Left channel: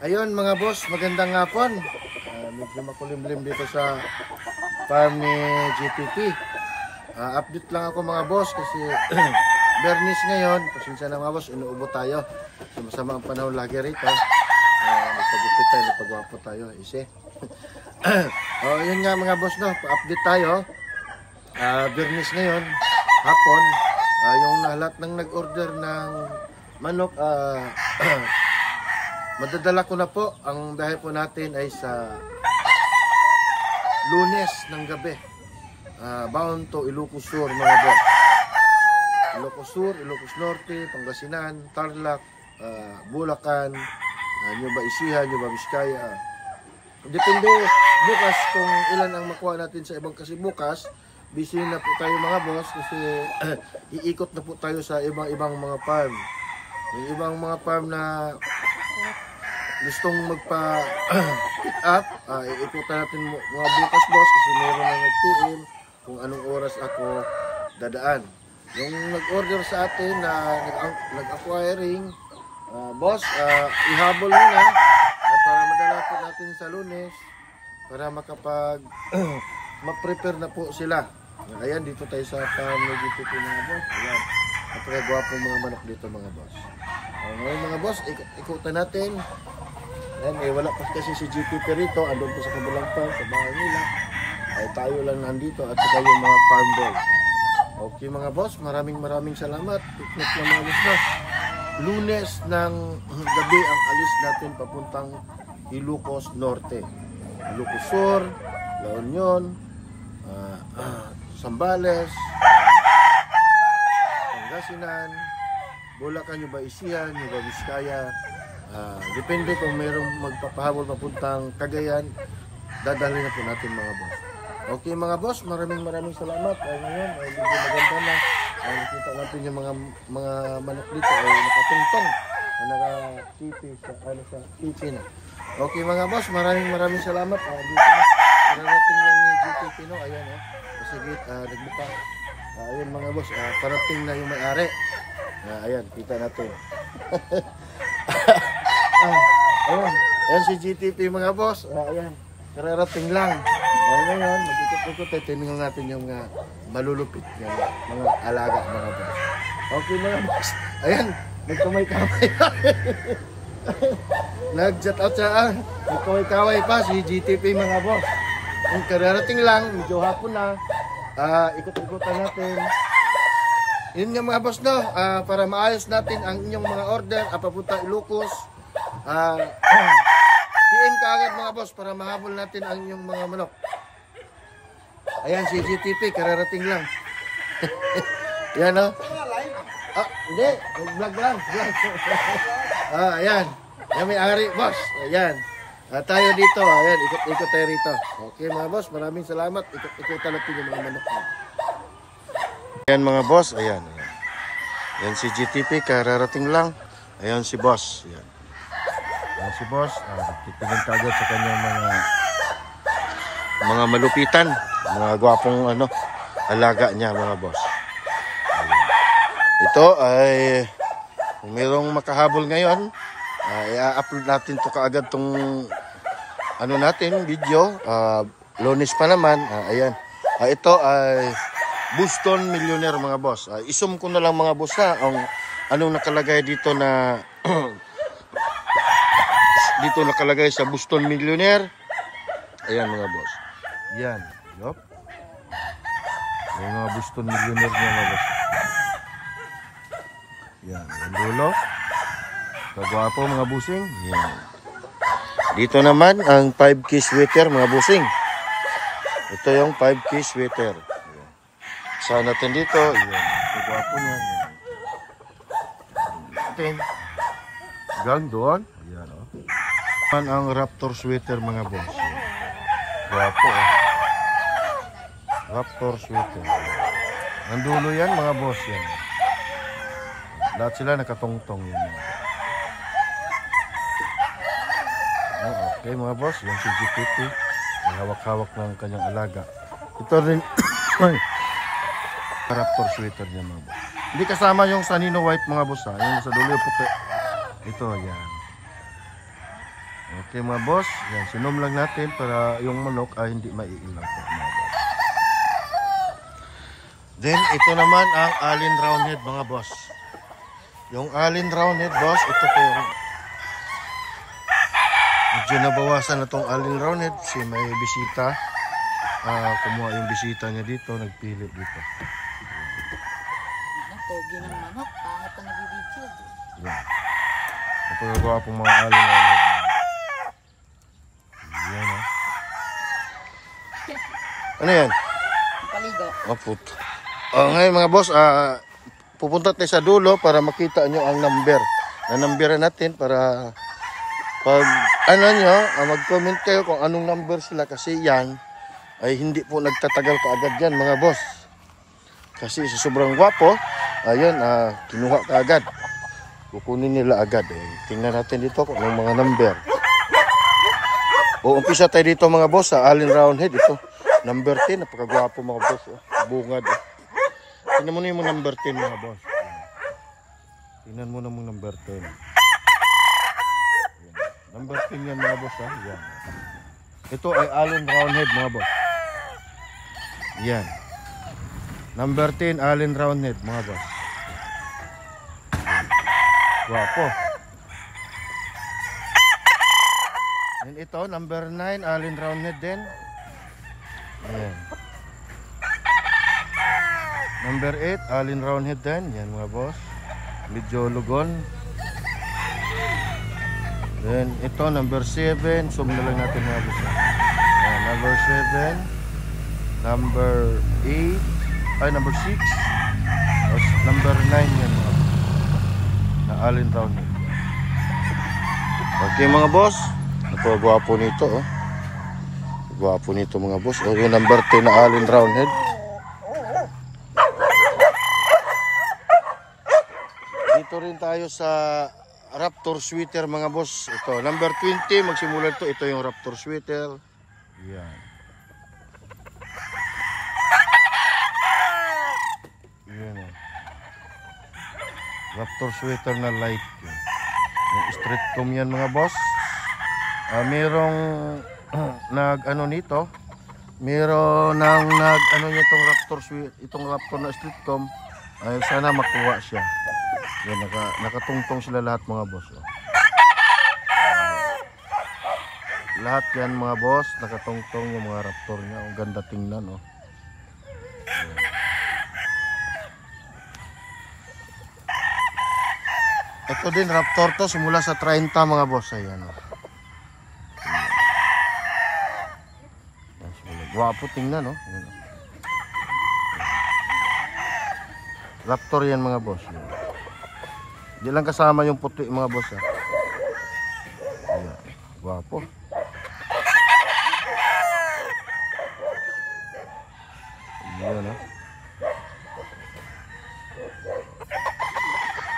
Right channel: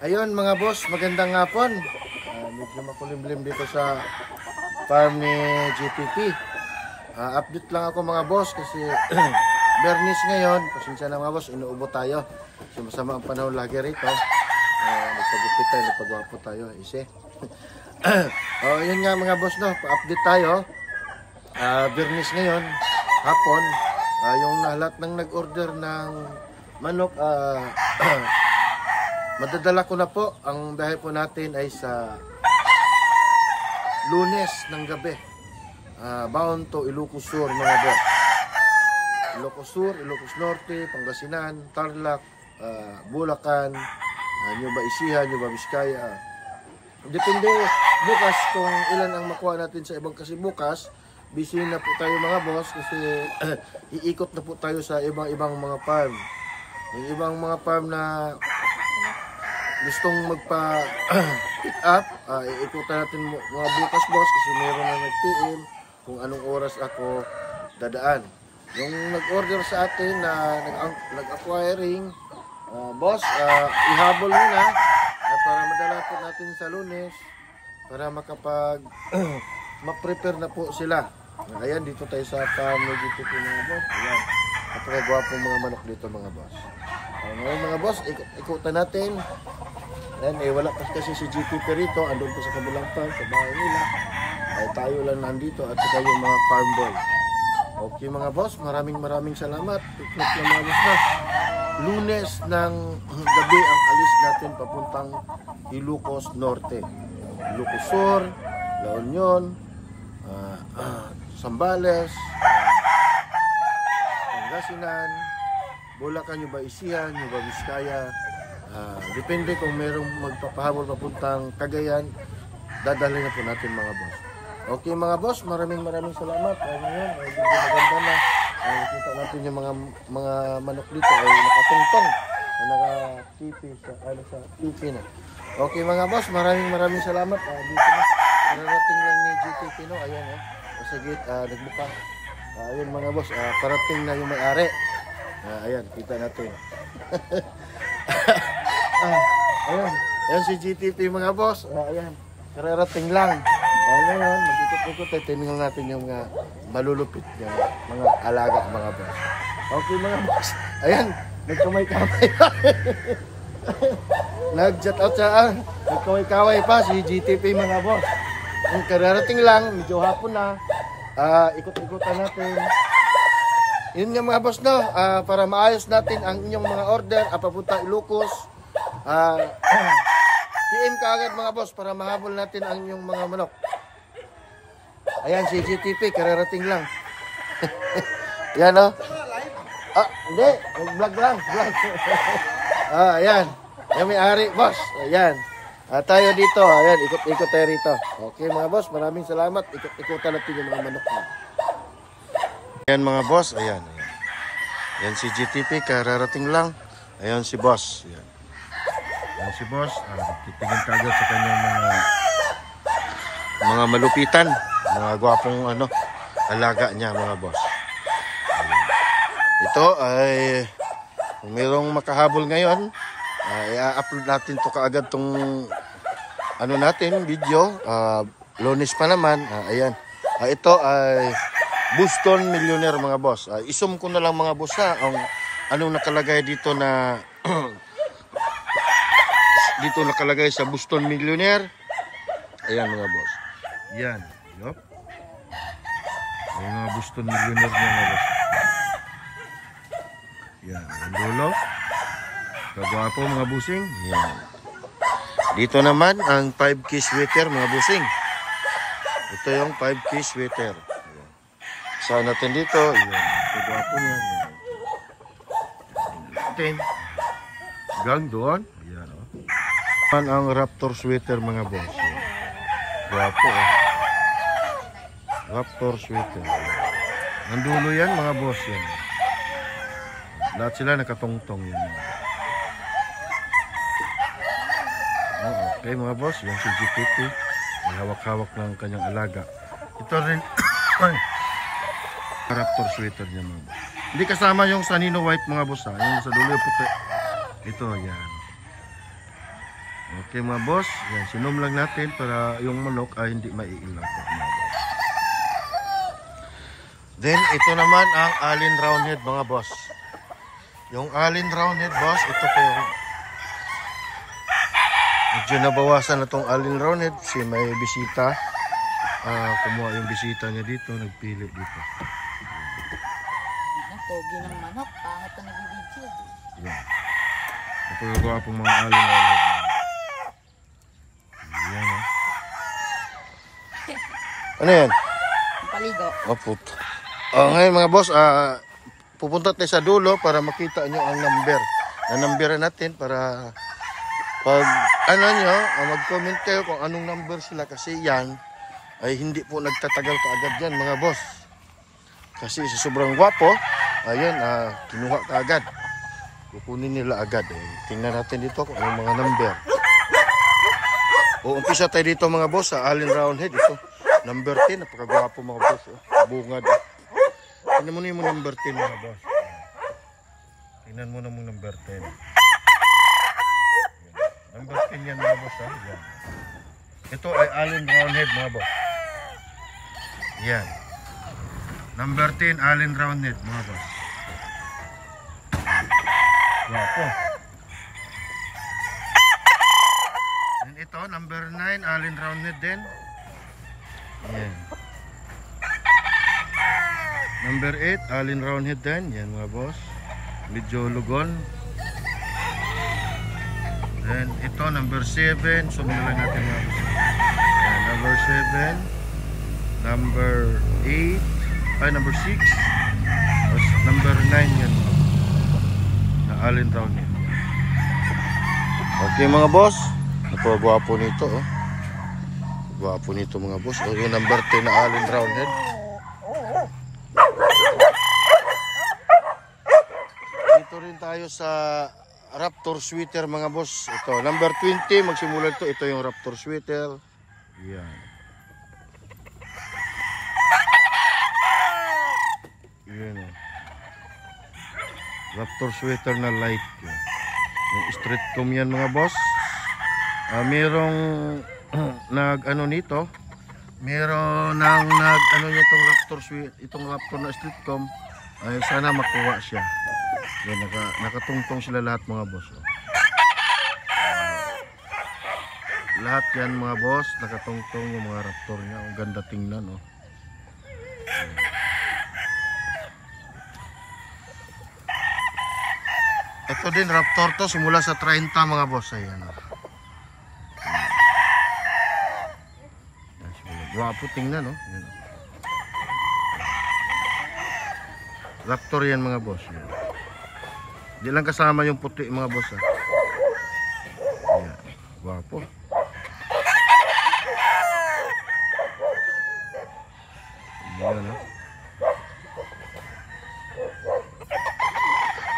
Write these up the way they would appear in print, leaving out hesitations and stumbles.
Ayun mga boss, magandang hapon. Medyo makulimlim dito sa farm ni GTP. Update lang ako mga boss kasi Bernis ngayon. Pasensya na mga boss, inuubo tayo. Kasi masama ang panahon lagi rito. Nagpagupit tayo, nagpagwapo tayo. Isi. Yun nga mga boss, no, pa-update tayo. Bernis ngayon, hapon. Yung lahat ng nag-order ng manok, madadala ko na po. Ang biyahe po natin ay sa Lunes ng gabi. Bound to Ilocos Sur mga boss. Ilocos Sur, Ilocos Norte, Pangasinan, Tarlac, Bulacan, Nueva Ecija, Nueva Vizcaya. Depende bukas kung ilan ang makuha natin sa ibang, kasi bukas busy na po tayo mga boss kasi iikot na po tayo sa ibang mga farm. Yung ibang mga farm na gustong magpa-pick up, iikutan natin mga bukas boss kasi meron na nag-PM kung anong oras ako dadaan. Yung nag-order sa atin na nag-acquiring, boss, ihabol muna para madala po natin sa Lunes para makapag ma-prepare na po sila. Ayan, dito tayo sa farm ng GTP mga boss. Ayan, napakagwapong mga manok dito mga boss. Ngayon mga boss, ikutan natin. Ayan, wala pa kasi si GTP rito, andun po sa kabilang farm, sa bahay nila. Ay tayo lang nandito at saka yung mga farm boy. Okay mga boss, maraming salamat. Ikot na mga boss na. Lunes ng gabi ang alis natin papuntang Ilocos Norte. Ilocos Sur, La Union, Zambales, Pangasinan, Bulacan, Nueva Ecija, Nueva Vizcaya. Depende kung mayroong magpapahabol papuntang Cagayan, dadalhin na po natin mga boss. Okay mga boss, maraming salamat. Ngayon ay medyo maganda na. Nakita natin yung mga manok dito ay nakatungtong, naka-tipi sa tipi na. Okay mga boss, maraming salamat. Dito na, parating lang ni GTP, no? Ayan, sa gate, nagbuka. Ayan mga boss, parating na yung may-ari. Ayan, kita natin. Ayan si GTP mga boss. Ayan, kararating lang. Ngayon, mag-ikot-ikot tayo. Tingnan natin yung mga malulupit yung mga alaga mga boss. Okay mga boss. Ayan, nagkamay-kamay. Nag-chat out sa nagkamay-kamay pa si GTP mga boss. Yung kararating lang, medyo hapon na. Ikot-ikotan natin. Yun nga mga boss, no, para maayos natin ang inyong mga order papunta Ilocos. PM ka agad mga boss para mahabol natin ang inyong mga manok. Ayan si GTP, kararating lang. Yan o. Hindi, vlog lang. Ayan. Yan may ari boss. Ayan. Tayo dito. Ayan, ikot-ikot tayo rito. Okay mga boss, maraming salamat. Ikot-ikotan natin yung mga manok na. Ayan mga boss, ayan. Ayan si GTP, kararating lang. Ayan si boss. Ayan. Ayan si boss. Titingin kagad sa kanyang mga malupitan. Mga gwapong alaga niya mga boss. Ayan. Ito ay kung mayroong makahabol ngayon, i-upload natin to kaagad tong natin video. Lunes pa naman. Ayan. Ito ay Boston Millionaire mga boss. Isum ko na lang mga boss ang anong nakalagay dito na dito nakalagay sa Boston Millionaire. Ayan mga boss. Yan. Yup. Yung mga Boston Millionaire niya mga boss. Yan. Ang dulo. Kagwapo mga busing. Yan. Dito naman ang 5K sweater mga busing. Ito yung 5K sweater. Saan natin dito? Yan. Kagwapo niya. Yan. Gang doon. Yan o. Ang Raptor sweater mga boss. Gwapo Raptor sweater. Ang dulo yan mga boss yan. Lahat sila nakatongtong yan. Okay mga boss, yung si GTP may hawak-hawak ng kanyang alaga. Ito rin Raptor sweater niya mga boss. Hindi kasama yung Sanino white mga boss Yung sa dulo yung puti. Ito yan. Okay mga boss, yan, sinom lang natin para yung manok ay hindi maiilaw po mga boss. Then ito naman ang Allen Roundhead mga boss. Yung Allen Roundhead boss, ito po yung medyo nabawasan na tong Allen Roundhead kasi may bisita. Kumuha yung bisita niya dito, nagpili dito. Ang pogi ng manok, pangit na nabibidyo. Yan. Ito yung pong mga Allen Roundhead. Yan o. Ano yan? Ang paligo. Puto. Ngayon mga boss, pupunta tayo sa dulo para makita nyo ang number. Na-numberan natin para pag nyo, mag-comment kayo kung anong number sila kasi yan ay hindi po nagtatagal kaagad yan mga boss. Kasi sa sobrang gwapo, ayun, kinuha kaagad. Kukunin nila agad. Tingnan natin dito kung anong mga number. Umpisa tayo dito mga boss sa Allen Roundhead. Ito, number 10. Napakagwapo mga boss. Bungad. Tingnan mo na yung number 10 mga boss. Tingnan mo na yung number 10. Number 10 yan mga boss. Yan. Ito ay Allen Roundhead mga boss. Yan. Number 10 Allen Roundhead mga boss. Gwapo. And ito, number 9, Allen Roundhead din. Ayan. Number 8, Allen Roundhead din. Yan mga boss. Medyo lugon. Then ito, number 7. Zoom na lang natin mga boss. Ayan, number 7. Number 8. Ay, number 6. Number 9 yan mga boss. Na Allen Roundhead. Okay mga boss. Napagwapo nito oh. Gwapo nito mga boss. Yung number 10 na Allen Roundhead. Dito rin tayo sa Raptor Sweater mga boss. Ito, number 20 magsimula ito. Ito yung Raptor Sweater. Yan. Yan oh. Raptor Sweater na light. Yung street comb yan mga boss. Merong nag-ano nito. Meron nang nag-ano niya itong Raptor na street comb. Ay sana makuha siya. Yan, nakatungtong sila lahat mga boss. Oh. Lahat yan mga boss, nakatungtong yung mga Raptor niya. Ang ganda tingnan oh. Ito din Raptor to simula sa 30 mga boss. Ayan oh. Gwapo tingnan no. Yan. Raptor yan mga boss. Yan. Di lang kasama yung puti mga boss. Yan. Gwapo. Yan ha.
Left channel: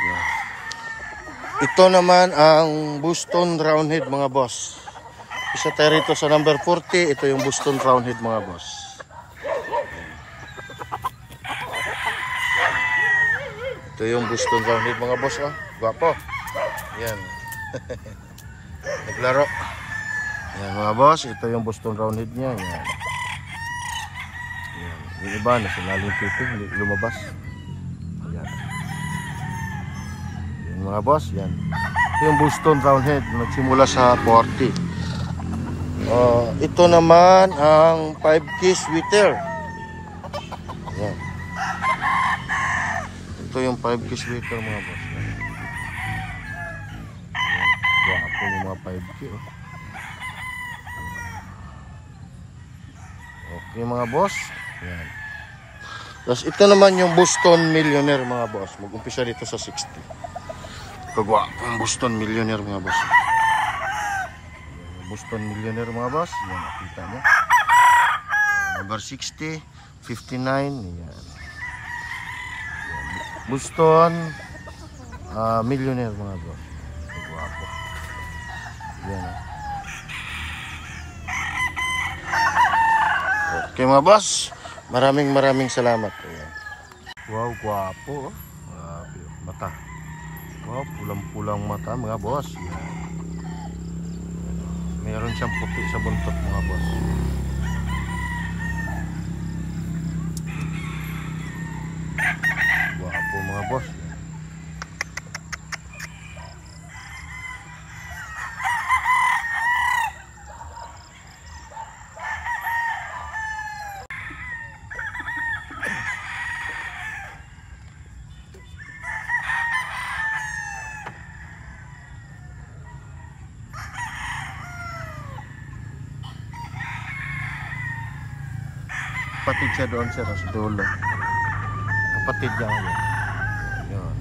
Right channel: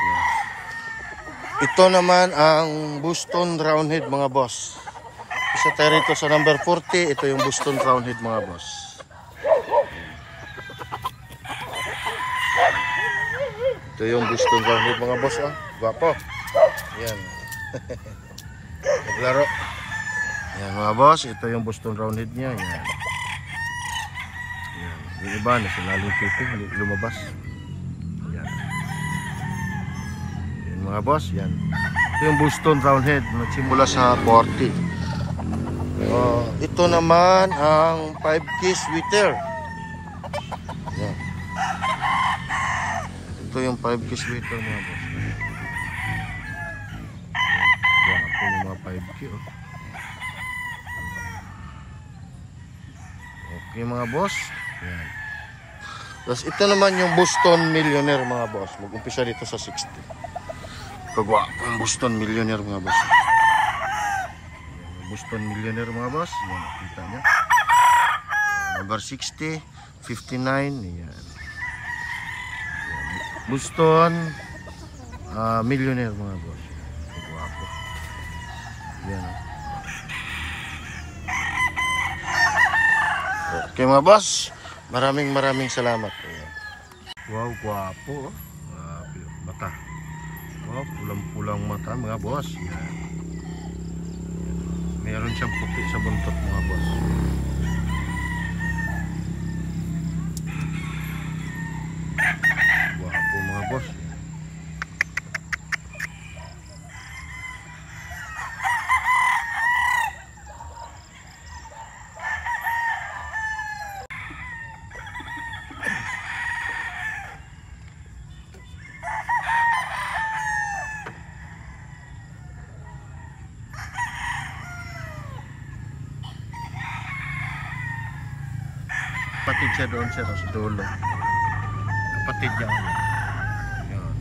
Yan. Ito naman ang Boston Roundhead mga boss. Isa tayo rito sa number 40. Ito yung Boston Roundhead mga boss. Ito yung Boston Roundhead mga boss oh. Gwapo. Yan. Naglaro. Yan mga boss. Ito yung Boston Roundhead niya. Yan. Yan. Yung iba na sinaling tipi. Lumabas. Yan. Yan mga boss. Yan. Ito yung Boston Roundhead. Nagsimula sa 40. Ito naman ang 5K Sweater. Yan. Ito yung 5K Sweater mga boss. Gwapo yung mga 5K oh. Okay mga boss. Yan. Tapos ito naman yung Boston Millionaire mga boss. Mag-umpisa dito sa 60. Kagwapo yung Boston Millionaire mga boss. Boston Millionaire mga boss. Yan, nakita nyo. Number 60, 59. Yan. Boston Millionaire mga boss. Gwapo. Yan. Okay mga boss. Maraming salamat. Ayan. Wow, gwapo. Mata. Wow, pulang-pulang mata mga boss. Yan. Meron siyang puti sa buntot mga boss. Gwapo mga boss. Kapatid siya doon sir, sa dulo. Kapatid niya yan. Yun.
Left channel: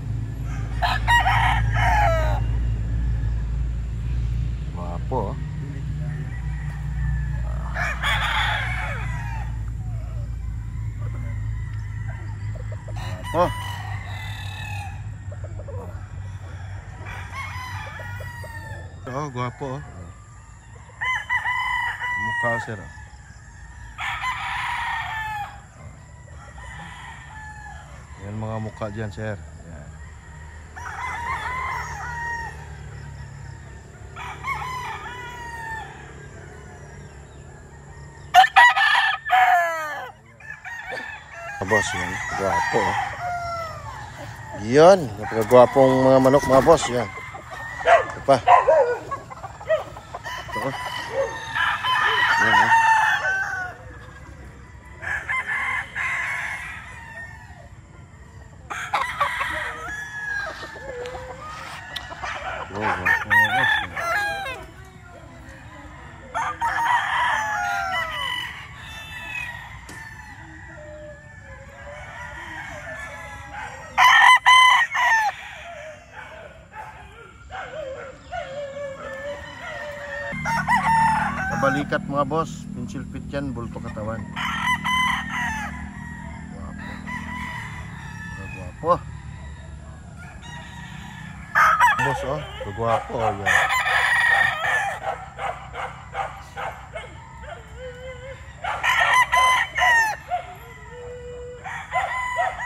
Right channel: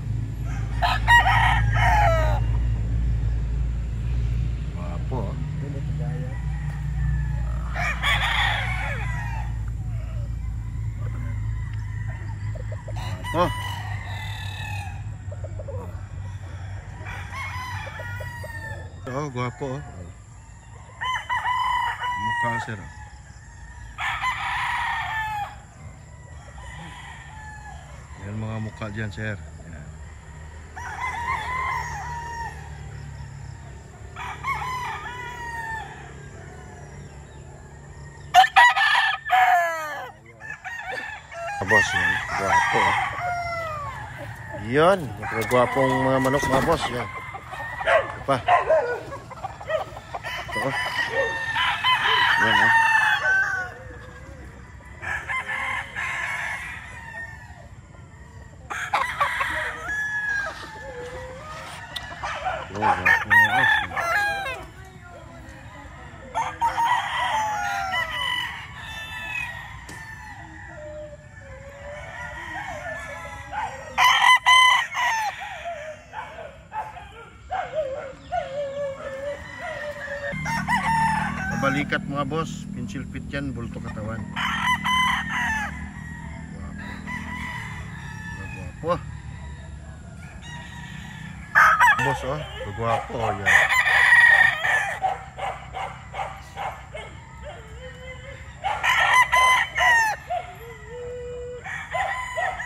Wapo. Oh. Oh, gwapo. Mukha sir. Yan mga mukha dyan sir. Yan. Boss, yan. Gwapo. Yan. Napakagwapong mga manok mga boss. Yan. Ito pa. Ito. Yan ha. Oh, gwapo mga boss. Balikat mga boss, pencil fit yan, bulto katawan. Gwapo. Boss oh, gwapo yan.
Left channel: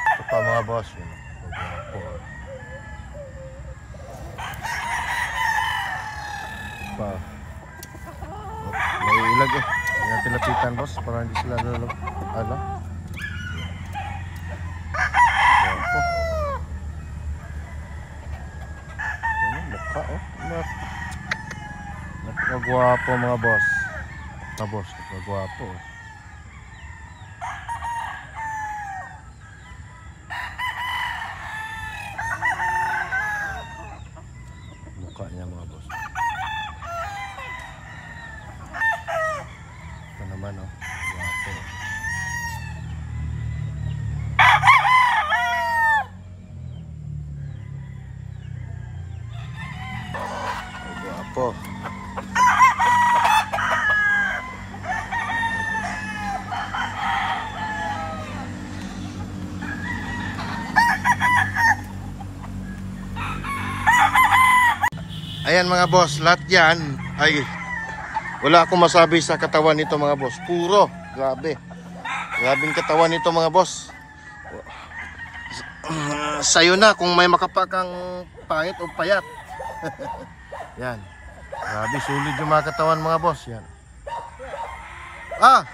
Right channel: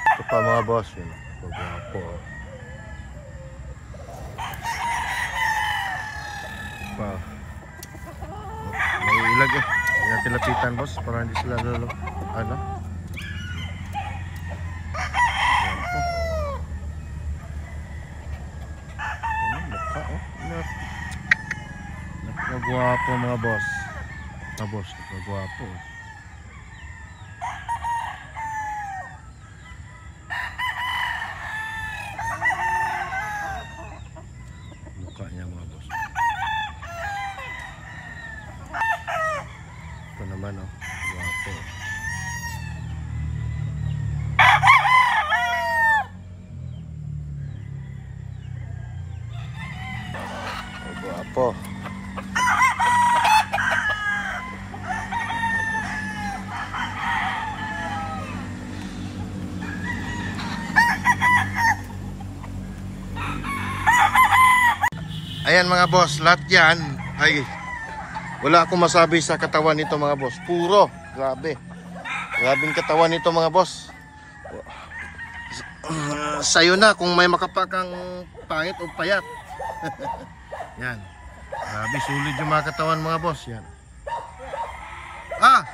Ito pa mga boss, yun. Gwapo. Pa. May ilag eh. Hindi natin lapitan boss para hindi sila lalo. Ano? Gwapo. Ano, mukha oh. Napakagwapo mga boss. Mga boss, napakagwapo. Mukha niya mga boss. Ito naman oh, gwapo. Oh, gwapo. Ayan mga boss, lahat yan ay wala akong masabi sa katawan nito mga boss. Puro, grabe. Grabing katawan nito mga boss. Sayo na kung may makapakang pangit o payat. Yan. Grabe, sulit yung mga katawan mga boss. Yan. Ah!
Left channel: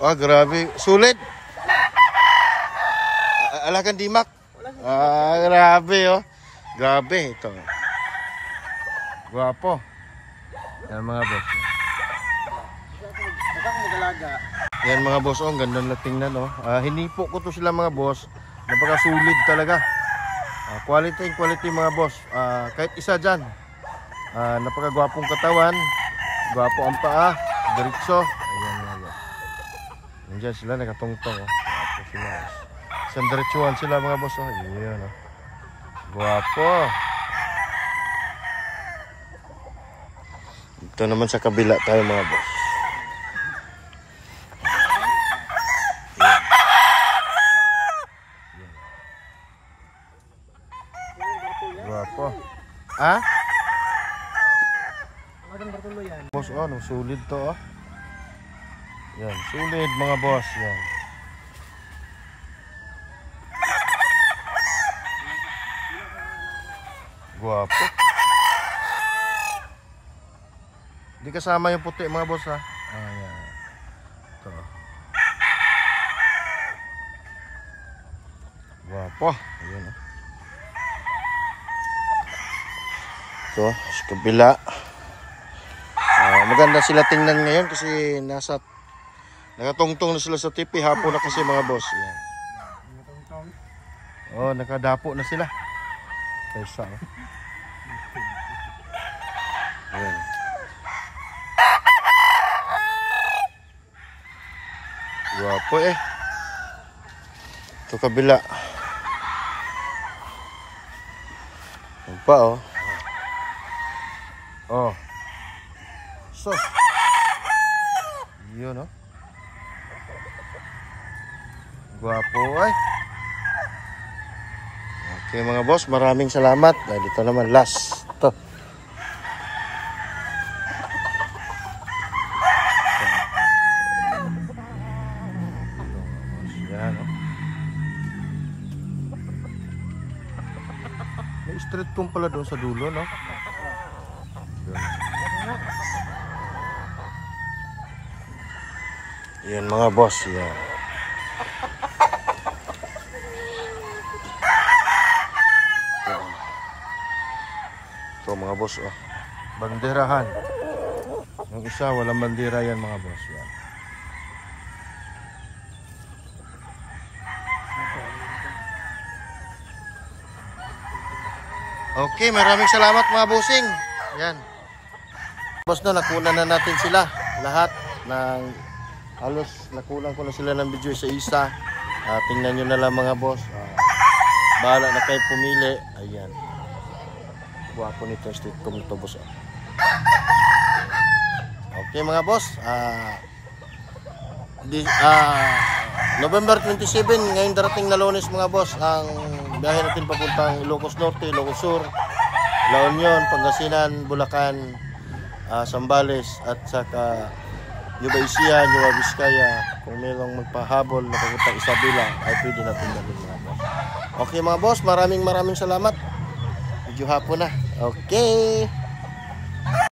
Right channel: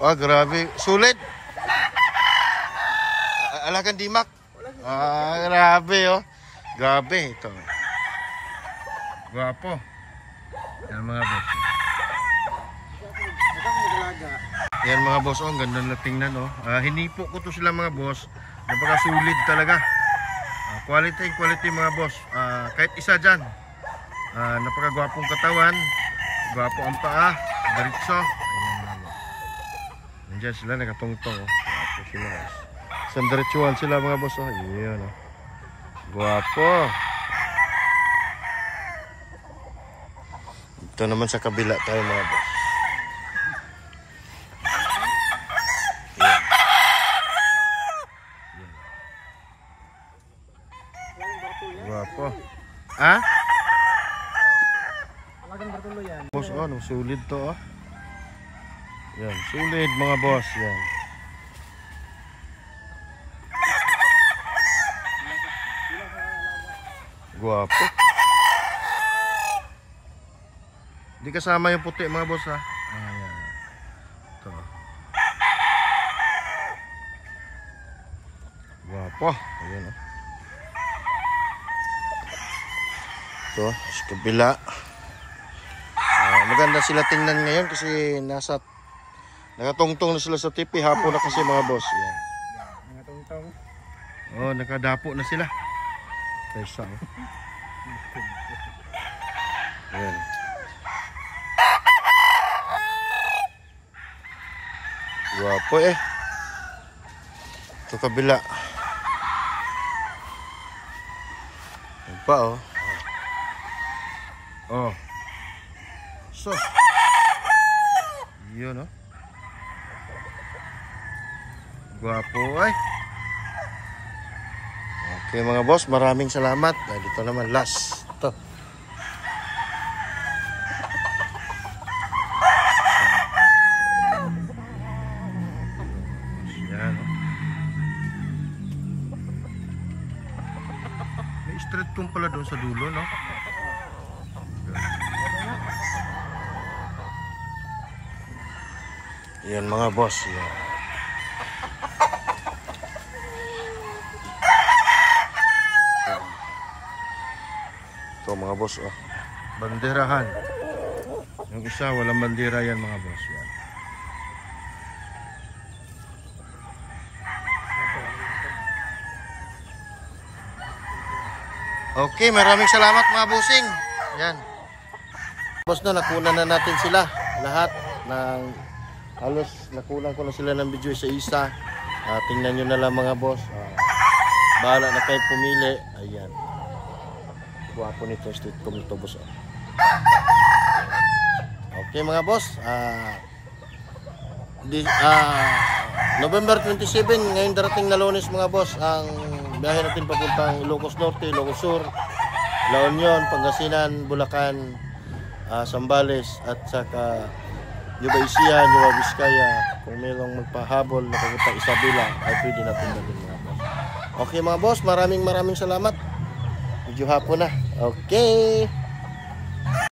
Oh, grabe. Sulit. Alagan dimak. Ah, grabe oh. Grabe ito. Gwapo. Yan mga boss. Yan mga boss, oh, ang ganda na tingnan oh. Hinipo ko to sila mga boss. Napakasulit talaga. Quality mga boss. Kahit isa dyan. Napakagwapong katawan. Gwapo ang paa. Diretso. Ayan mga boss. Nandiyan sila nakatungtong oh. Gwapo sila guys. Isang diretsuhan sila mga boss oh. Ayan oh. Gwapo. Ito naman sa kabila tayo mga boss. Yan. Yan. Gwapo. Ha? Boss, oh, no, sulit to oh. Yan, sulit mga boss. Yan. Gwapo. Di kasama yung puti mga boss ha. Ayan. Ito. Wapo. Ayan oh. Ito, sa kabila. Maganda sila tingnan ngayon kasi nakatungtong na sila sa tipi. Hapon na kasi mga boss. Ayan. Nakatungtong. Oh, nakadapo na sila. Kaysa oh. Ayan. Wapo eh. Ito kabila. Ayan pa oh. Oh. So. Yun oh. Gwapo ay. Okay mga boss, maraming salamat. Dito naman last. Ito. Yan oh. May street comb pala doon sa dulo no. Yan mga boss, yan. Ito mga boss, oh. Banderahan. Yung isa, walang bandera yan mga boss, yan. Okay, maraming salamat mga bossing. Yan. Boss na, nakunan na natin sila. Lahat ng halos nakulang ko na sila ng video sa isa. Tingnan nyo na lang mga boss. Bahala na kayo pumili. Ayan. Guwapo nito yung street comb nito boss. Okay mga boss. November 27 ngayon darating na Lunes mga boss. Ang biyahe natin papuntang Ilocos Norte, Ilocos Sur, La Union, Pangasinan, Bulacan, Zambales at saka Nueva Ecija, Nueva Vizcaya. Kung mayroong magpahabol na papuntang Isabela ay pwede natin dalhin mga boss. Okay mga boss, maraming salamat. Medyo hapon na. Okay.